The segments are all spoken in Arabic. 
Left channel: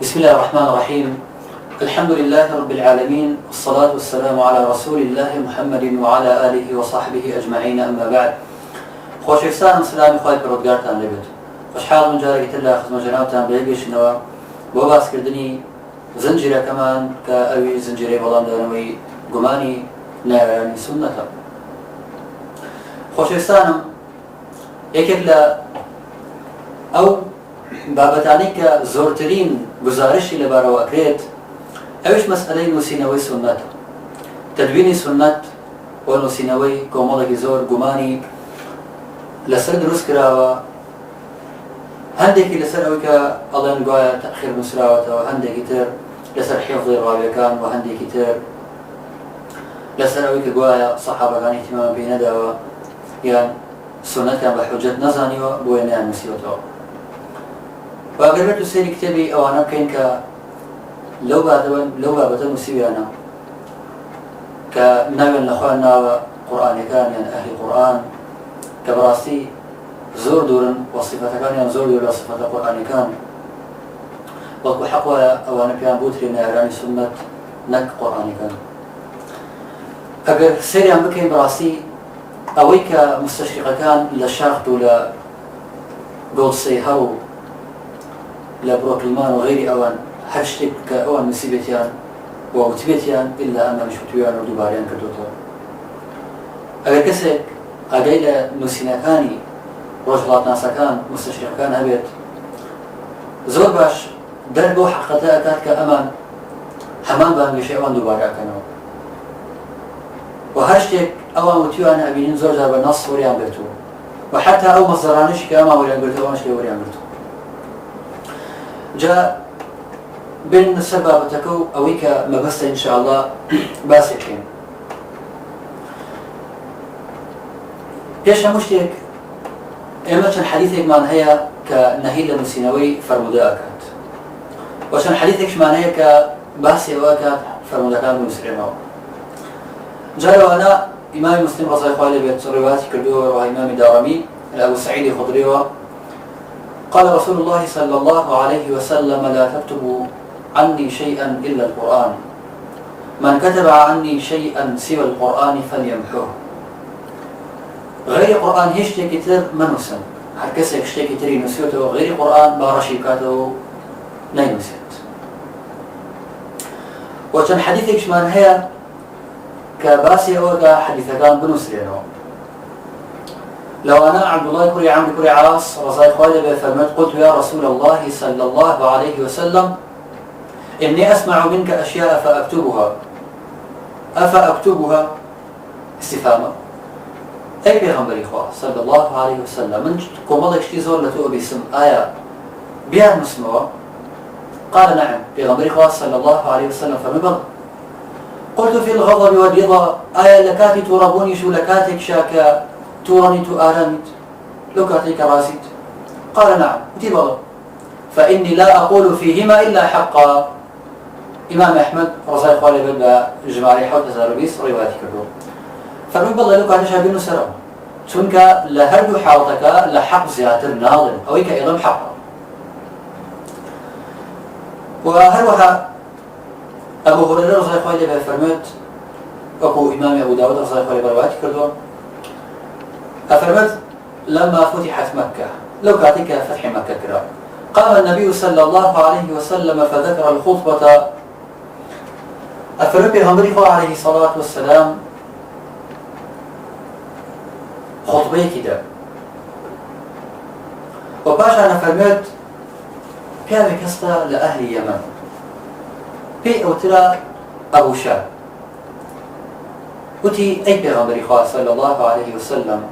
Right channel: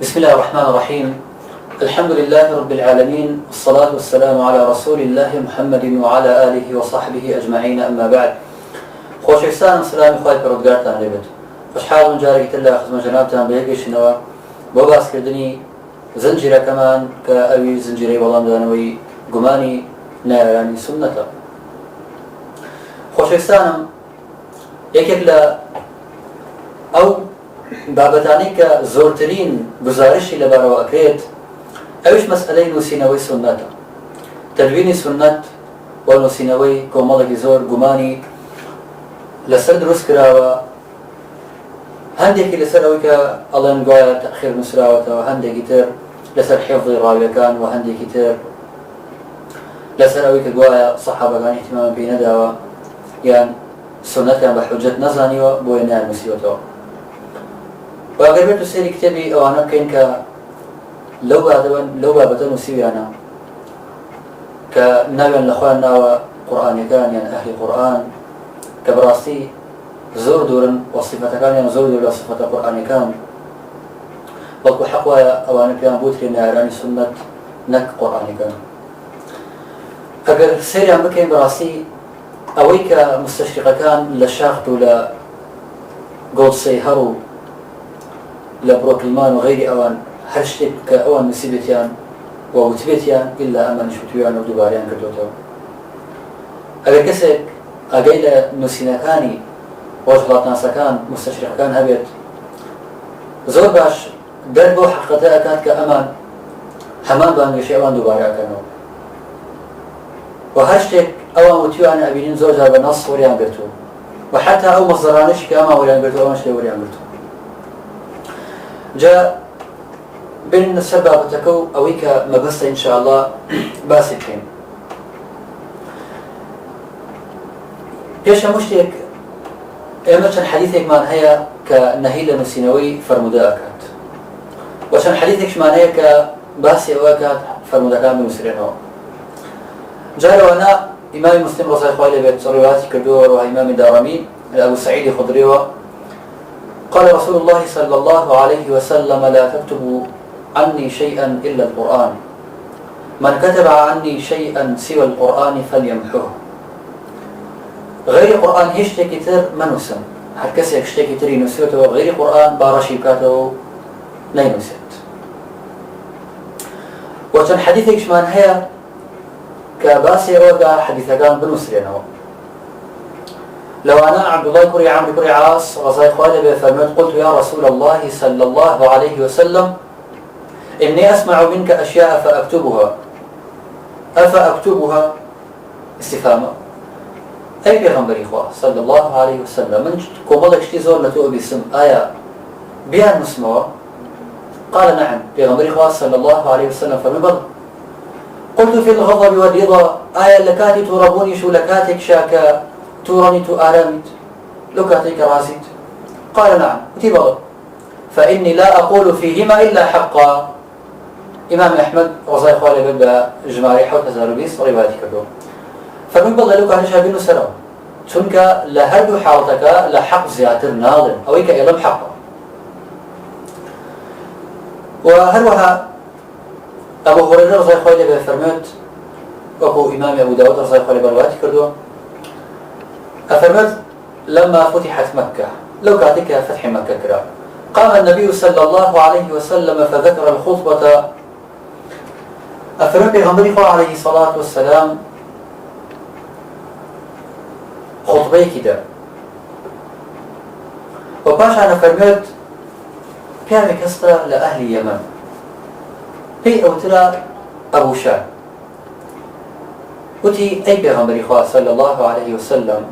بسم الله الرحمن الرحيم. الحمد لله رب العالمين، والصلاة والسلام على رسول الله محمد وعلى آله وصحبه أجمعين، أما بعد. خۆشەویستانم، سلامی خوای پەروەردگارتان لێبێت. خۆشحاڵم جارێکی تر لە خزمەت جەنابتان بەیەکگەیشتنەوە بۆ باسکردنی زنجیرەکەمان کە ئەوی زنجیرەی وەڵامدانەوەی گومانی نایڕێنی سوننەتە. خۆشەویستانم، یەکێک لە ئەو بابەتانی کە زۆرترین گزارشی لەبارەوە ئەکرێت ئەوش مەسئلەی نووسینەوەی سوننەتە. تەدوینی سوننەت و نووسینەوەی کۆمەڵێکی زۆر گومانی لەسەر دروست کراوە، هەندێکی لەسەر ئەوەی کە ئەڵێن گوایە تەخیر نووسراوەتەوە، هەندێکی تر لەسەر حیفظی ڕاویەکان، و هەندێکی تر لەسەر ئەوەی کە گوایە سەحابەکان احتیمامان پێی نەداوە یان سوننەتیان بە حوجەت نەزانیوە بۆیە نانووسیوەتەوە. و ئەگەر بێت و سێری کتێبی ئەوانە بکەین کە لەو بابەتە نووسیویانە کە ناویان لەخوایان ناوە قورئانیەکان یان ئەهلی قورئان، کە بەڕاستی زۆر دوورن و صفەتەکانیان زۆر دوور لە صفەتە قورئانیەکان، بەڵکو حەق وایە ئەوانە پێیان بوترێ نارانی سوننەت نەک قورئانیەکان. ئەگەر سێریان بکەین بەڕاستی ئەوەی کە مستەشریقەکان لە شاخت و لە گۆڵسەیهەڕ و لە بڕۆکلمان و غەیری ئەوان هەر شتێک کە ئەوان نووسیبێتیان و وتبێتیان ئیلا ئەمانیش وتویان و دووباریان کردوتەوە. ئەگەر کەسێک ئاگای لە نووسینەکانی ڕۆژهەڵاتناسەکان مستەشریقەکان هەبێت، زۆر باش دەر بۆ حەقیقەتە ئەکات کە ئەمان هەمان بانگەشەی ئەوان دووبارە ئەکەنەوە، و هەر شتێک ئەوان وتویانە ئەبینین زۆر جار بە نەس وەریان گرتووە، و حتا ئەو مەزدەرانەشی کە ئەمان وەریان گرتووە ئەوانش لێ وەریان گرتووە. جا بێنە سەر بابەتەکە و ئەوەی کە مەبەستە ئینشاءالله باسێکین. پێش هەموو شتێک ئێمە چەند حەدیثێکمان هەیە کە نەهی لە نووسینەوەی فەرموودە ئەکات، و چەند حەدیثێکشمان هەیە کە باسی ئەوە ئەکات فەرموودەکان بنووسرێنەوە. جارەوانە ئیمامی مسلم ڕەزای خوای لێبێت ڕیواەتی کردووە و ئیمامی دارەمی لە ئەبوو سەعیدی خودریەوە قال رسول الله صلى الله عليه وسلم لا تكتبوا عني شيئا إلا القرآن من كتب عني شيئا سوى القرآن فليمحوه. غير القرآن هیچ شتێکی تر منووسن، هەر کەسێک شتێکی تری نووسێتەوە غیری قورئان با ڕەشی بکاتەوە و نەینووسێت. و چەند حەدیثێکشمان هەیە کە باسی ئەوەدا حەدیثەکان بنووسرێنەوە. لوانا عبد الله كري عمرو كري عاص رضي الله عنه فرمت قلت يا رسول الله صلى الله عليه وسلم إني أسمع منك أشياء فأكتبها أفأكتبها استفهاما أي بيغمبر إخوة صلى الله عليه وسلم من كومالك شتي زور لتو باسم آية بيان مسموة؟ قال نعم. بيغمبر إخوة صلى الله عليه وسلم فرمت قلت في الغضب والرضا آية لكاتي تربوني شو لكاتك شاكا تورني تؤرمت لو كاتيك راسيت؟ قال نعم. تبغى فإني لا أقول فيهما إلا حقا. إمام أحمد رضي الله عنه بدأ جماعي حوت هزاروبيس رواياتي كردو فمن بضل لو كاتش هبينو سرا چونك لهردو حالتك لحق زياتر ناظر أو إيك إلم حقا. وهروها أبو هريرة رضي الله عنه فرمت أبو إمام أبو داود رضي الله عنه برواياتي كردو أفرمت لما فتحت مكة لو كاتك فتح مكة كرا قام النبي صلى الله عليه وسلم فذكر الخطبة. أفرمت بيغمبري عليه الصلاة والسلام خطبة كده، وباش أنا فرمت كان كستا لأهل اليمن في أوترا أبو شاه وتي أي بيغمبري صلى الله عليه وسلم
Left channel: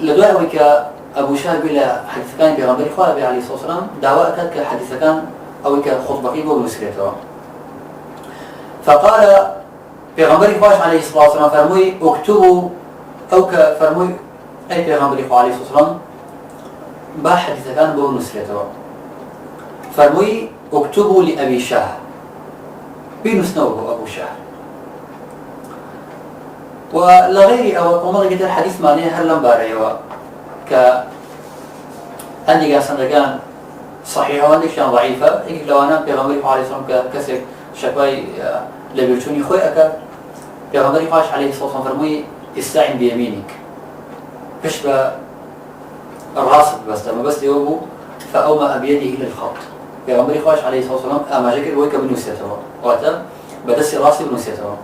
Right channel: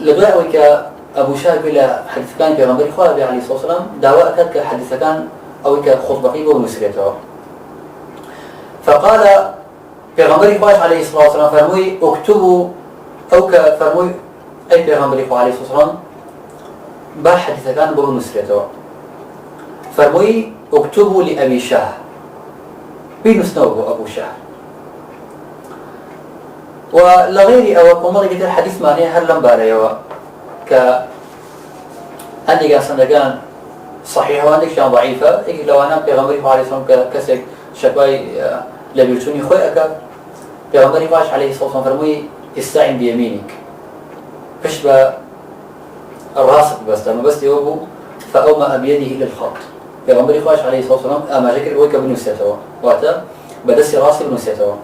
لدواء وكا أبو شاه يقول حديث كان بيغمبري خواه عليه الصلاة والسلام دعوة أكاد كحديث كان أو كخطبة قيبة ونسريته. فقال بيغمبري خواه عليه الصلاة والسلام فرموي اكتبوا أو كفرموي أي بيغمبري خواه عليه الصلاة والسلام با حديث كان بو نسريته. فرموي اكتبوا لأبي شاه بنسنوه أبو شاه. ولغير أو كمال قدر حديث معناه هر لم باريوا ك عندي كان سندقان صحيحة وعندك شان ضعيفة إيه لو أنا بيغمري عليه الصلاة والسلام كسك شكواي لبيرتوني خوي أكاد بيغمري عليه الصلاة والسلام فرموي استعن بيمينك فش الراسك بس ما بس يوبو فأومأ بيده إلى الخط بيغمري عليه الصلاة والسلام أما شكل بويك بنوسيته واتا بدس راسي بنوسيته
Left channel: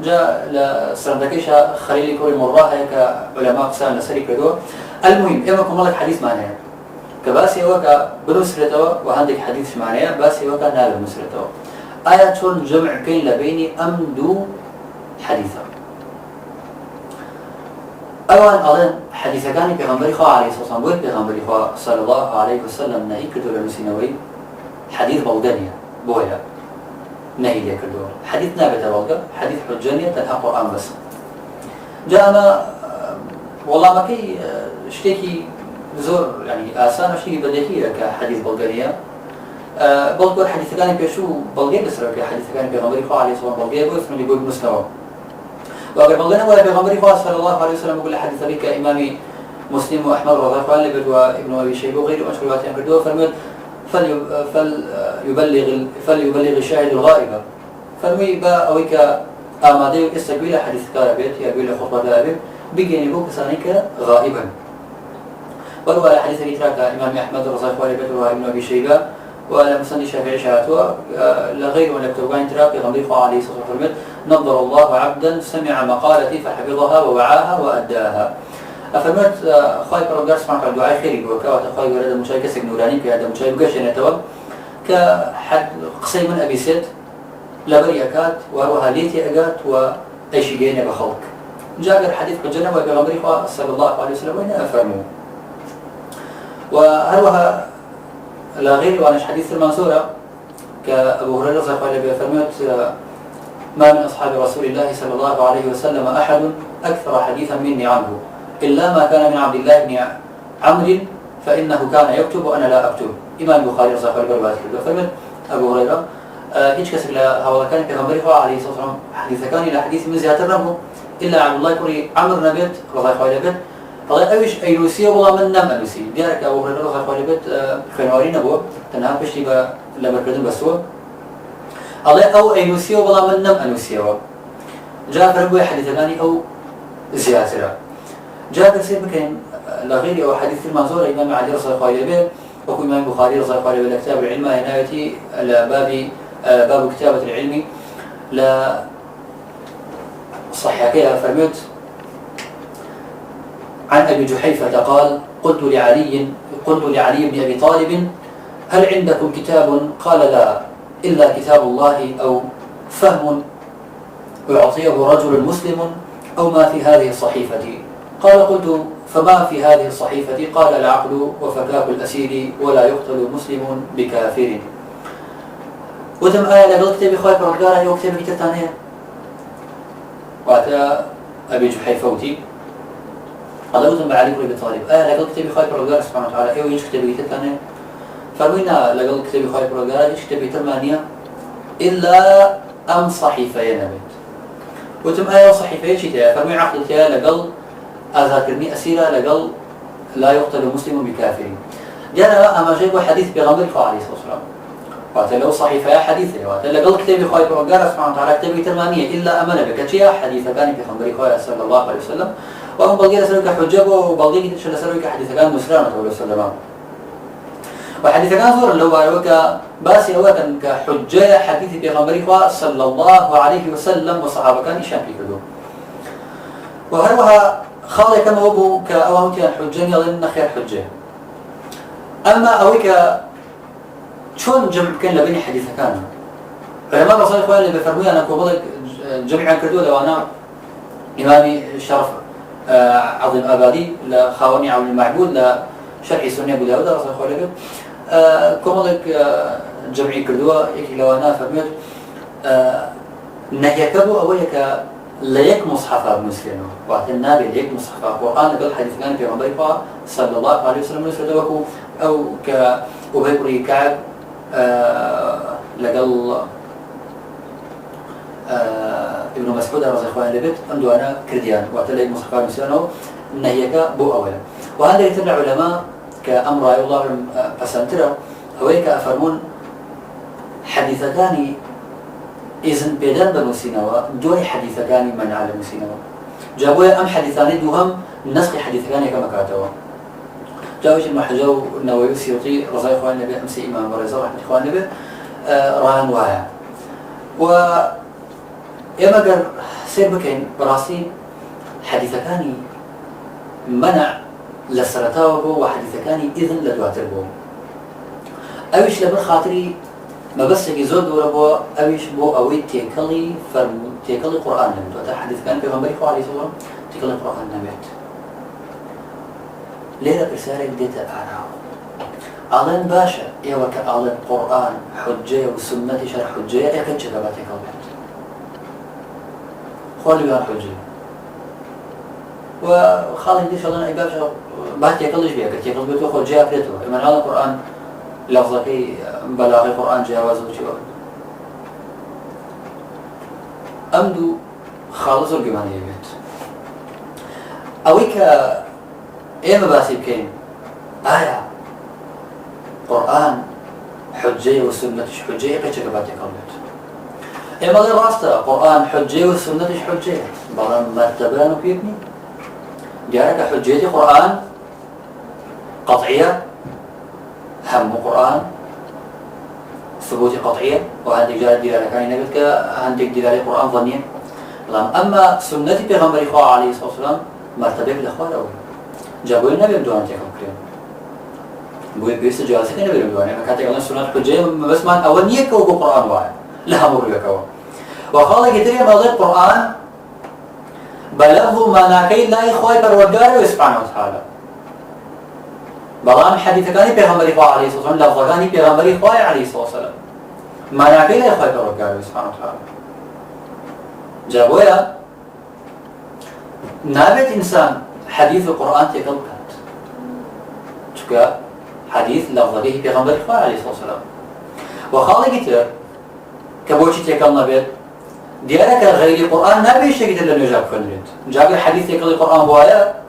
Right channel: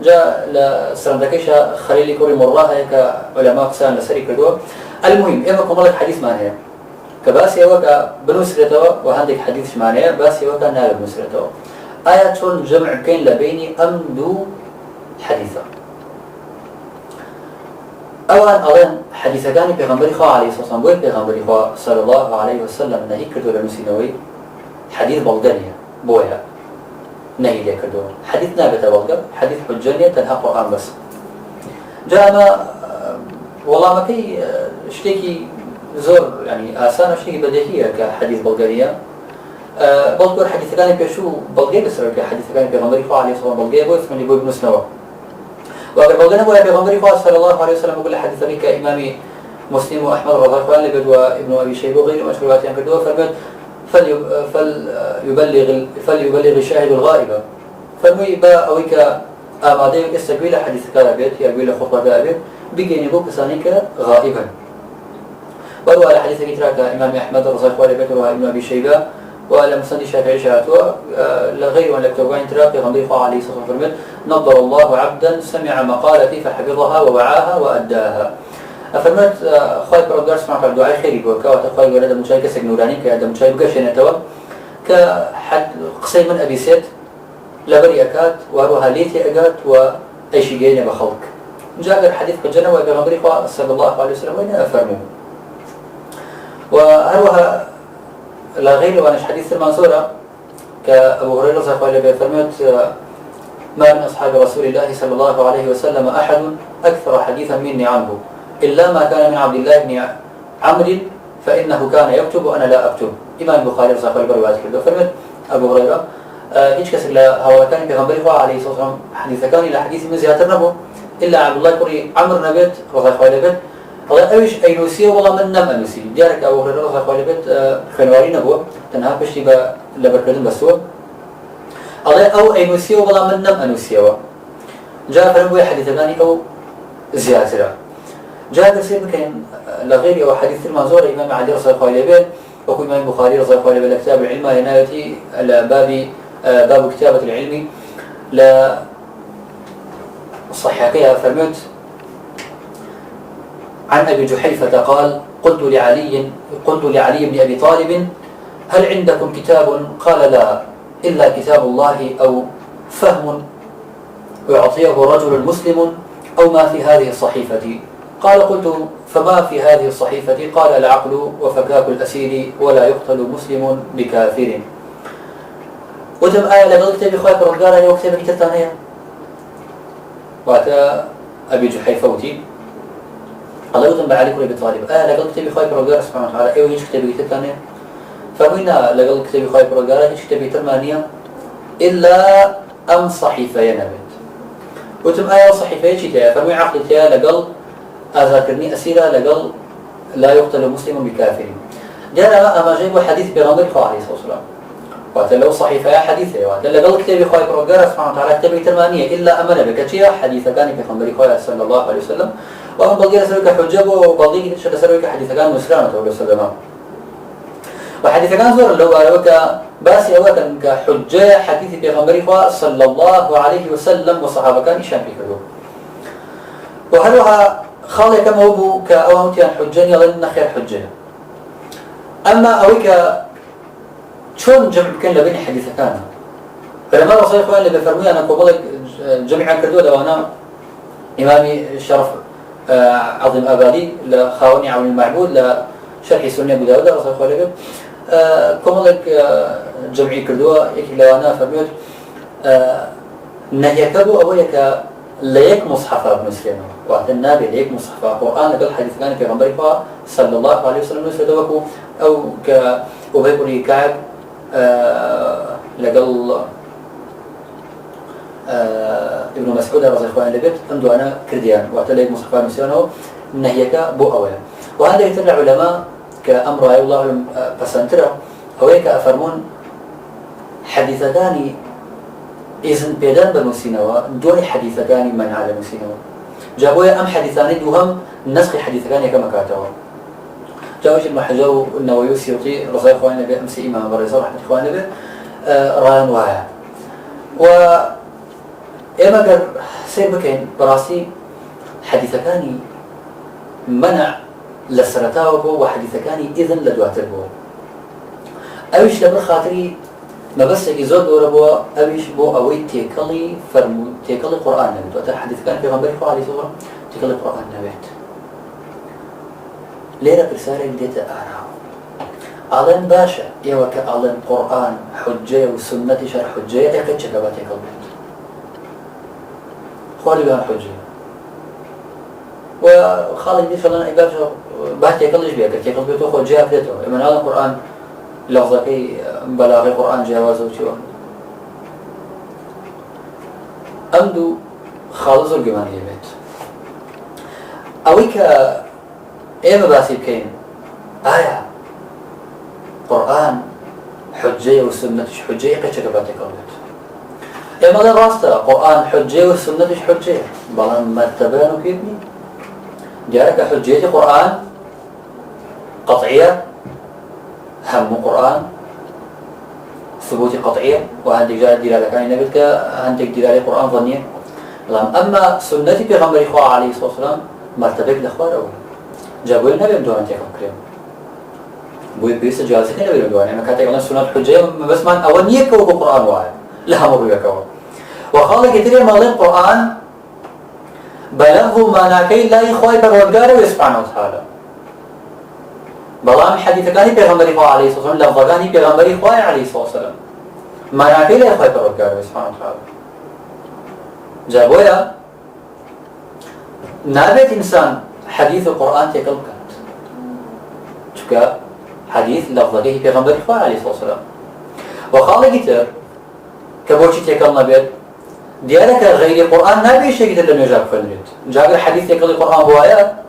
جاء لسرندكيشة خليل كوري مراها كعلماء قسان لسري كدو المهم إما كمالك حديث معناه كباسي وكا بنسرته وعندك حديث معناه باسي وكا نال بنسرته آيات جمع بين لبيني أمدو حديثة أوان أظن حديث كان بيغمبري خوا عليه الصلاة والسلام وين بيغمبري خوا صلى الله عليه وسلم نهي كردو لنسينوي حديث بلغانية بويا نهي لي كردو حديث نابت بلغة حديث حجانية تنها قرآن بس جاء ما والله ما كي اشتكي زور يعني آسان اشتكي بديهية كحديث بلغانية بلغور حديث كان بيشو بلغي بسرعة كحديث كان بيغمبري خوا عليه الصلاة والسلام بلغي بوي فملي بوي بنسنوه وأقرب بلغنا بوي بيغمبري خوا صلى الله عليه وسلم يقول حديث بك إمامي مسلم وأحمد رضي الله عنه وابن أبي شيبة وغيره مشكلات ينكردوها فرمت فليبلغ الشاهد الغائبة فرمي با أويك آمادي يستقبل حديث كابيت يقبل خطبة كابيت بيجيني بوك سانيك غائبا وهو على حديث كتراك إمام أحمد رضي الله عنه وابن أبي شيبة ولا مسند الشافعي شهاتوا لغير أن لكتوبان تراك يغمبري خوا عليه الصلاة والسلام فرمت نظر الله عبدا سمع مقالتي فحفظها ووعاها وأداها أفرمت خواهي برادار سمعت على الدعاء خيري بوكا وتخواهي قرد مجاي كسك نوراني كهذا مجاي مقاشن يتوا كحد قصي من أبي سيد لبري أكاد وهروها ليتي أكاد وأيشي جيني بخلق جاء حديث كجنة وبيغمبري خوا صلى الله عليه وسلم وين أفرموا وهروها لا غير وعن حديث المنصورة كأبو هريرة رضي الله عنه فرمت ما من أصحاب رسول الله صلى الله عليه وسلم أحد أكثر حديثا مني عنه إلا ما كان من عبد الله بن عمرو فإنه كان يكتب وأنا لا أكتب إمام البخاري رضي الله عنه برواية كده فرمت أبو هريرة هيك كسر هذا كان بيغمبري عليه الصلاة والسلام حديث كان إلى حديث من زيادة النبو إلا عبد الله كوري عمرو نبيت رضي الله عنه الله أويش أيلوسية والله من نم ألوسي ديارك أبو هريرة رضي الله عنه خنواري نبو تنها بشتي لبركدون بسوا الله أو أيلوسية والله من نم ألوسية جاء فرموا حديث ثاني أو زيادة جاء كثير ممكن لغيري أو حديث المنظور إمام علي رضي الله عنه وكو إمام البخاري رضي الله عنه لكتاب العلم ينايتي باب كتابة العلم لا صحيحكيها فرمت عن أبي جحيفة قال قلت لعلي بن أبي طالب هل عندكم كتاب؟ قال لا إلا كتاب الله أو فهم يعطيه رجل مسلم أو ما في هذه الصحيفة. قال قلت فما في هذه الصحيفة؟ قال العقل وفكاك الأسير ولا يقتل مسلم بكافر. وتم آية لقل كتابي خواهي برد قال أنا كتابي كتابتانية وأتى أبي جحيفة وتي الله يتم بعلي كل أبي طالب لقل كتابي خواهي برد قال سبحانه وتعالى إيو ينش كتابي كتابتانية فروينا لقل كتابي خواهي برد قال ينش كتابي ترمانية إلا أم صحيفة ينبت وتم آية صحيفة ينشتها فروي عقدتها لقل أذاكرني أسيرة لقل لا يقتل مسلم بكافر. دير أما جايبوا حديث بيغمبر خوا عليه الصلاة والسلام واتلو صحيفة يا حديثة واتل قل كتابي خواهي برقارة سبحانه وتعالى كتابي ترمانية إلا أمن بكتشيا حديثة كان بيغمبر خوا صلى الله عليه وسلم وأم بلغير سروك حجبه وبلغيني تشل سروك حديثة كان نسرانة ولو سلمان وحديثة كان زور اللي هو أروك باسي أولا كحجة حديث بيغمبر خوا صلى الله عليه وسلم وصحابة كان إشان في كدو وهلوها خالي كما هو كأوهمتيان حجاني لأن خير حجة. أما أويك شون جمع بكين لبيني حديثة كان علماء رسول الله اللي بفرمي أنا كوبلك جمعا كردوه لو أنا إمامي الشرف عظيم أبادي لخاوني عون المعبود لشرح سنة أبو داود رسول الله اللي كوبلك جمعي كردوه لو أنا فرميت نهيكبو أويك ليك مصحف ابن مسلم واعتنا بليك مصحف القرآن قال حديث كان في غنبري صلى الله عليه وسلم سدوكو أو كأبي كعب لقل ابن مسعود رضي الله عنه لقيت عنده أنا كرديان واعتنا ليك مصحف ابن مسلم نهيك بو أويا وهذا يتبع علماء كأمر الله أعلم بسنترا أويك أفرمون حديثكاني إذن بيدان بنوسينوا دوي حديثكاني منع لنوسينوا جابويا أم حديثاني دوهم نسخ حديثكاني كما كاتوا جاوش ابن حجر النووي السيوطي رضي الله عنه أمس إمام بريزة رحمة الله عليه ران واها و إما قال سيد بكين براسي حديثكاني منع لسرتاوه بو وحديثكاني إذن لدواتر بو أويش لبن خاطري ما بس يزود دورة بو أويش بو أوي تيكلي فرمو تيكلي قرآن نبي دواتر حديثكاني في غنبري عليه الصلاة والسلام تيكلي قرآن نبيت ليرة رسالة ديت آراء أعلن باشا يوك أعلن قرآن حجة وسنة شرح حجة إيقظ شكبات يكلمت خوالي بيان حجة وخالي دي شلون عباد بات يكلش بيها قلت يكل بيتو خو جاء كده من هذا القرآن لفظك بلاغي قرآن جواز وشيوان أمدو خالص الجمال يبيت أويك إيه باسي بكين آية قرآن حجة وسنة حجة كشك بات يكلبت إيه ماذا راسته قرآن حجة وسنة حجة بلان مرتبان وبيبني جارك حجة قرآن قطعية هم قرآن ثبوت قطعية وعندك جارة دلالة كان نبتك عندك دلالة قرآن ظنية أما سنة بيغمبر إخوة عليه الصلاة والسلام مرتبك الأخوار أول جابوا لنا بيمدونا نتيقظ كريم بوي بيس جالسك نبي لدوانا ما كانت يقولون سنة حجة بس ما أول نيكو قرآن واحد لا مر بكوا وخالق كتير مال القرآن بلغوا ما ناكي لا يخوي بالرجال سبحانه وتعالى بلام حديث كاني بيغمبر إخوة عليه الصلاة والسلام لفظ كاني بيغمبر إخوة عليه الصلاة والسلام ما ناكي لا يخوي بالرجال سبحانه وتعالى جابوا نابت إنسان حديث القرآن تقلب كانت شكا حديث لفظه بيغمبر إخوة عليه الصلاة والسلام وخالق كتير كبوشي تقل نبيت ديارك غير القرآن نبي شيء كتير لأنه جاب كنريد جاب الحديث يقل القرآن بوايا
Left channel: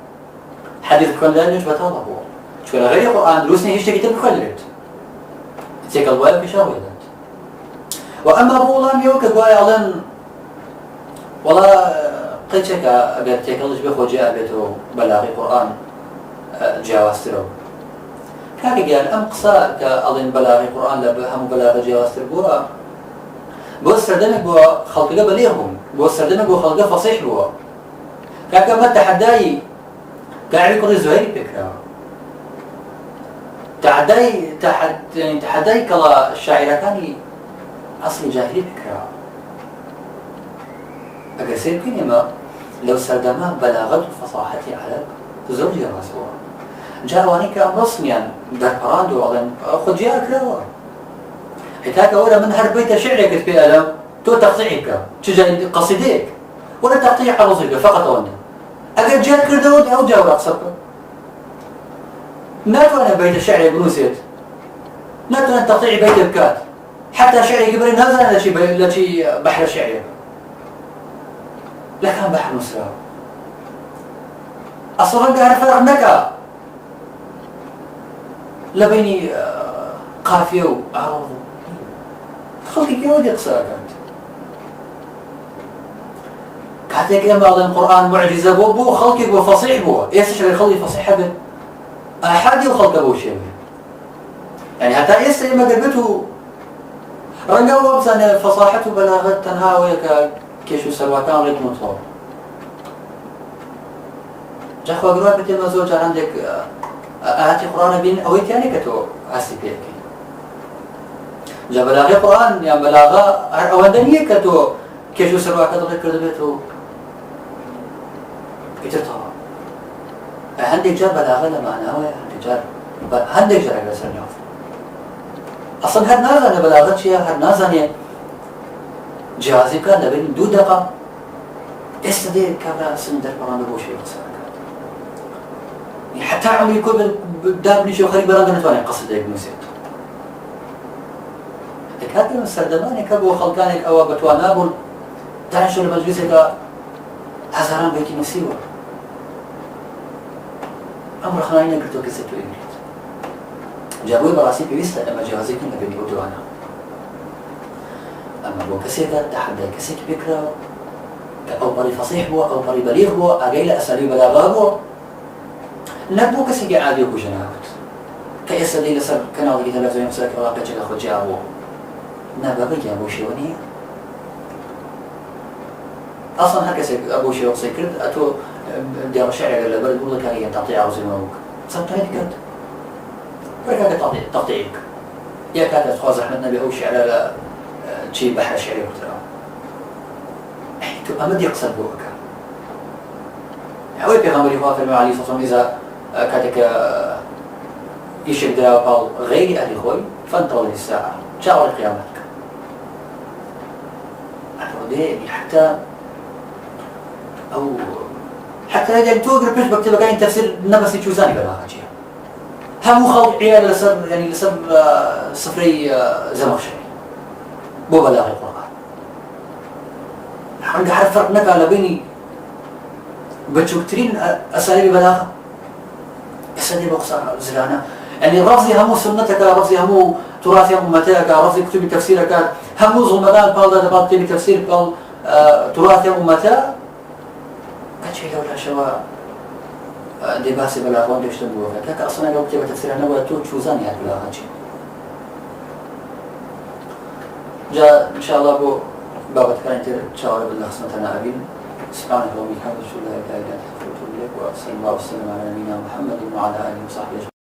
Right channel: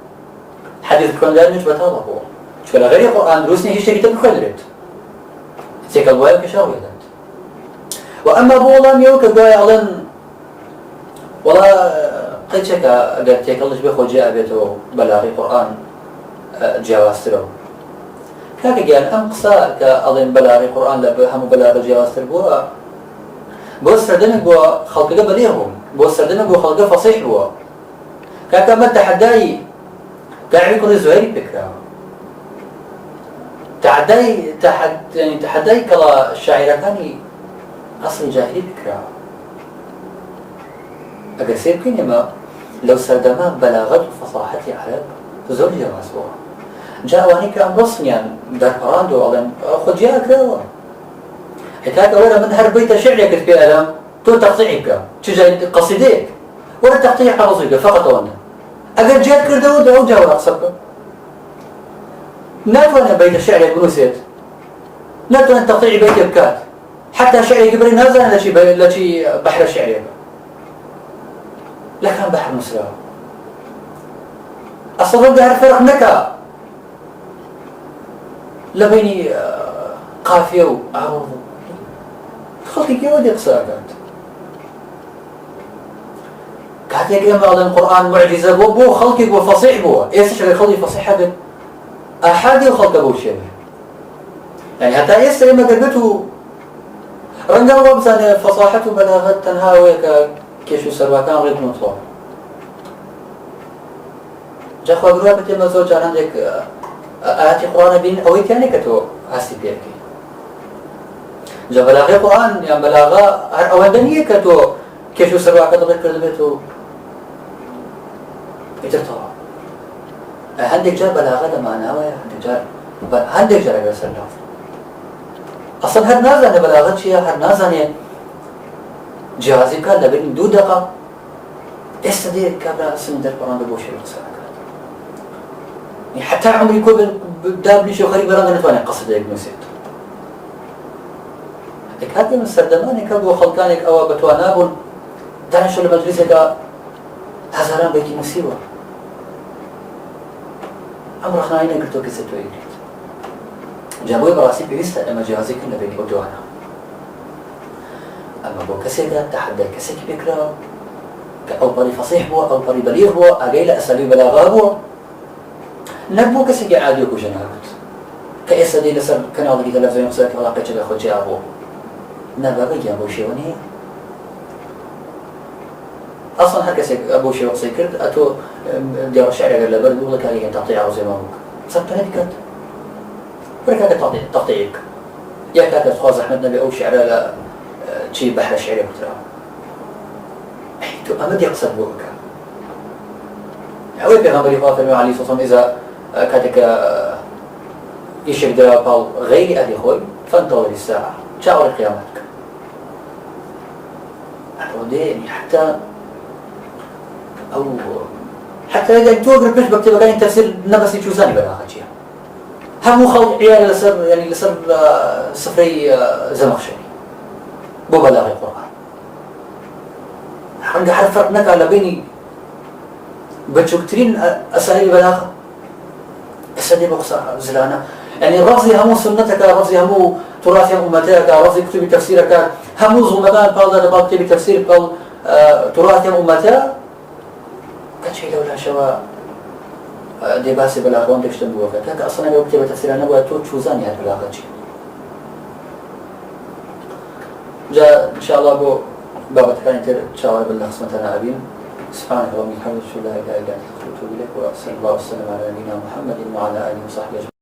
حديث كنريد نجبة هذا هو شكا غير القرآن دروسني هي شيء كتير كنريد تقل بوايا كشروي ذات وأما بولان يوك بوايا علن والله قد شكا قد تقلش بخو جاء بيته بلاغي قرآن جواسترو كاكي قال أم قصا كأظن بلاغي قرآن هم بلاغ جواستر بوها بو سردنك بو خلقه بليغهم بو سردنك بو خلقه فصيح بوها كاكا ما تحداي كاعمي كل زهري بكرا يعني تحداي كلا الشاعر كاني أصل جاهلي بكرا أقل سيب كينما لو سردمان بلاغة وفصاحة عرب زور جواسوها جاواني كأم رسميا در براندو أظن خد جاء كراوة هكاك ولا من هر بيت شعري كتبه ألم تو تقطيعك تجا قصيديك ولا تقطيع على رصيك فقط وانا أقل جاء كردو أو جاء ولا أقصبك ناتوانا بيت شعري بنوسيت ناتوانا تقطيع بيت بكات حتى شعري قبل نازل لشي بحر الشعري لكن بحر مسرع أصلا ده الفرق نكا لبيني قافية وعروض خلقي كيف بدي قصرها كانت إما على القرآن معجزة بو خلقي بو فصيح بو إيش شغل خلقي فصيح بد أحادي وخلق بو شيء يعني حتى إيش إما قلبته رنجا وبزان فصاحته بلاغة تنهاوي كيشو سرباكان غير مطلوب جا خو اگرها بتیم نزول جان عندك آيات قرآن بين أويت يعني كتو عسي بيكي جا بلاغي قرآن يعني بلاغة أواندنية كتو كيشو سرباكان غير كردو بيتو يترطوا عندك جا بلاغة لما ناوي عندك جا رجل سرناف أصلا هر نازانه بلاغة شيء هر نازانه جهازي كان لبين 2 دقيقة استدي كابرا أصلا در قرآن بوشي قصة يعني حتى عمري كل دابني شو خريب رغنت وانا قصد ابن سيد هذا من السردماني كابو خلقانك أو بتوانابون دعنا شو المجلس هذا هزاران بيتي مسيوة عمر خناينا قلتو كسبتو يريد جابوی بەڕاستی پێویستە ئەمە جیازێکن لە بینی ئەو دوانە ئەمە بۆ کەسێکدا تەحەدای کەسێکی پێکراوە کە ئەو پەڕی فەسیح بووە ئەو پەڕی بەلیغ بووە ئاگەی لە ئەسەلی بەلاغا بووە نەک بۆ کەسێکی عادی و کوژەناوت کە ئێستا دەی لەسەر کەناڵێکی تەلەڤیزیۆنی قسەکە وڵاقەیەکێک لە خۆت جیا بووە نابابەیان بۆ شێوە نییە ئەسڵەن هەر کەسێک بۆ شێوە قسەی کرد ئەتۆ دیاڕە شێعرێکە لەبەر دوو لە کاری تەقطیع ڕۆزێمە بووک قسەم تەنە بکات وەرە کاکە تەقطیعێک یا کاکە خوا زەحمەت نەبێ ئەو شێعرە لە چی بەحرە شێعرێ کوتراوە تۆ ئەمە دێ قسەت بۆ بکە ئەوەی پێغەمبەری خوا فەرمووی عەلەیهی سەڵام ئیزا کاتێک ئیشێک درا پاڵ غەیری ئەهلی خۆی فانتەظر الساعة چاوەڕی قیامەت بکە ئەڕۆدێ حتى أو حتى يعني توقر بيش بكتب كاين تفسير نبسي شوزاني بلاغة شيء هم خلط عيال لسر يعني لسر صفري زمخشري بو بلاغة القرآن عندي عارف فرق نك على بيني بتشكترين أساليب بلاغة أساليب أقصى زلانة يعني رفضي همو سنتك رفضي همو تراثي أمتك رفضي كتب تفسيرك همو زغمكان بعض بعض كتب تفسير بعض تراثي أمتك كاتشي لولا شوا دي باسي بلاغون تشتبوها فكاك أصلا لو كتب تفسير أنا واتو تشوزاني هاد بلاغة شي جاء إن شاء الله بو بابا كان يتر تشاور بالله خصمتنا أبين سبحانك اللهم وبحمدك لا إله إلا أنت أستغفرك وأتوب إليك وصلى الله وسلم على نبينا محمد وعلى آله وصحبه أجمعين.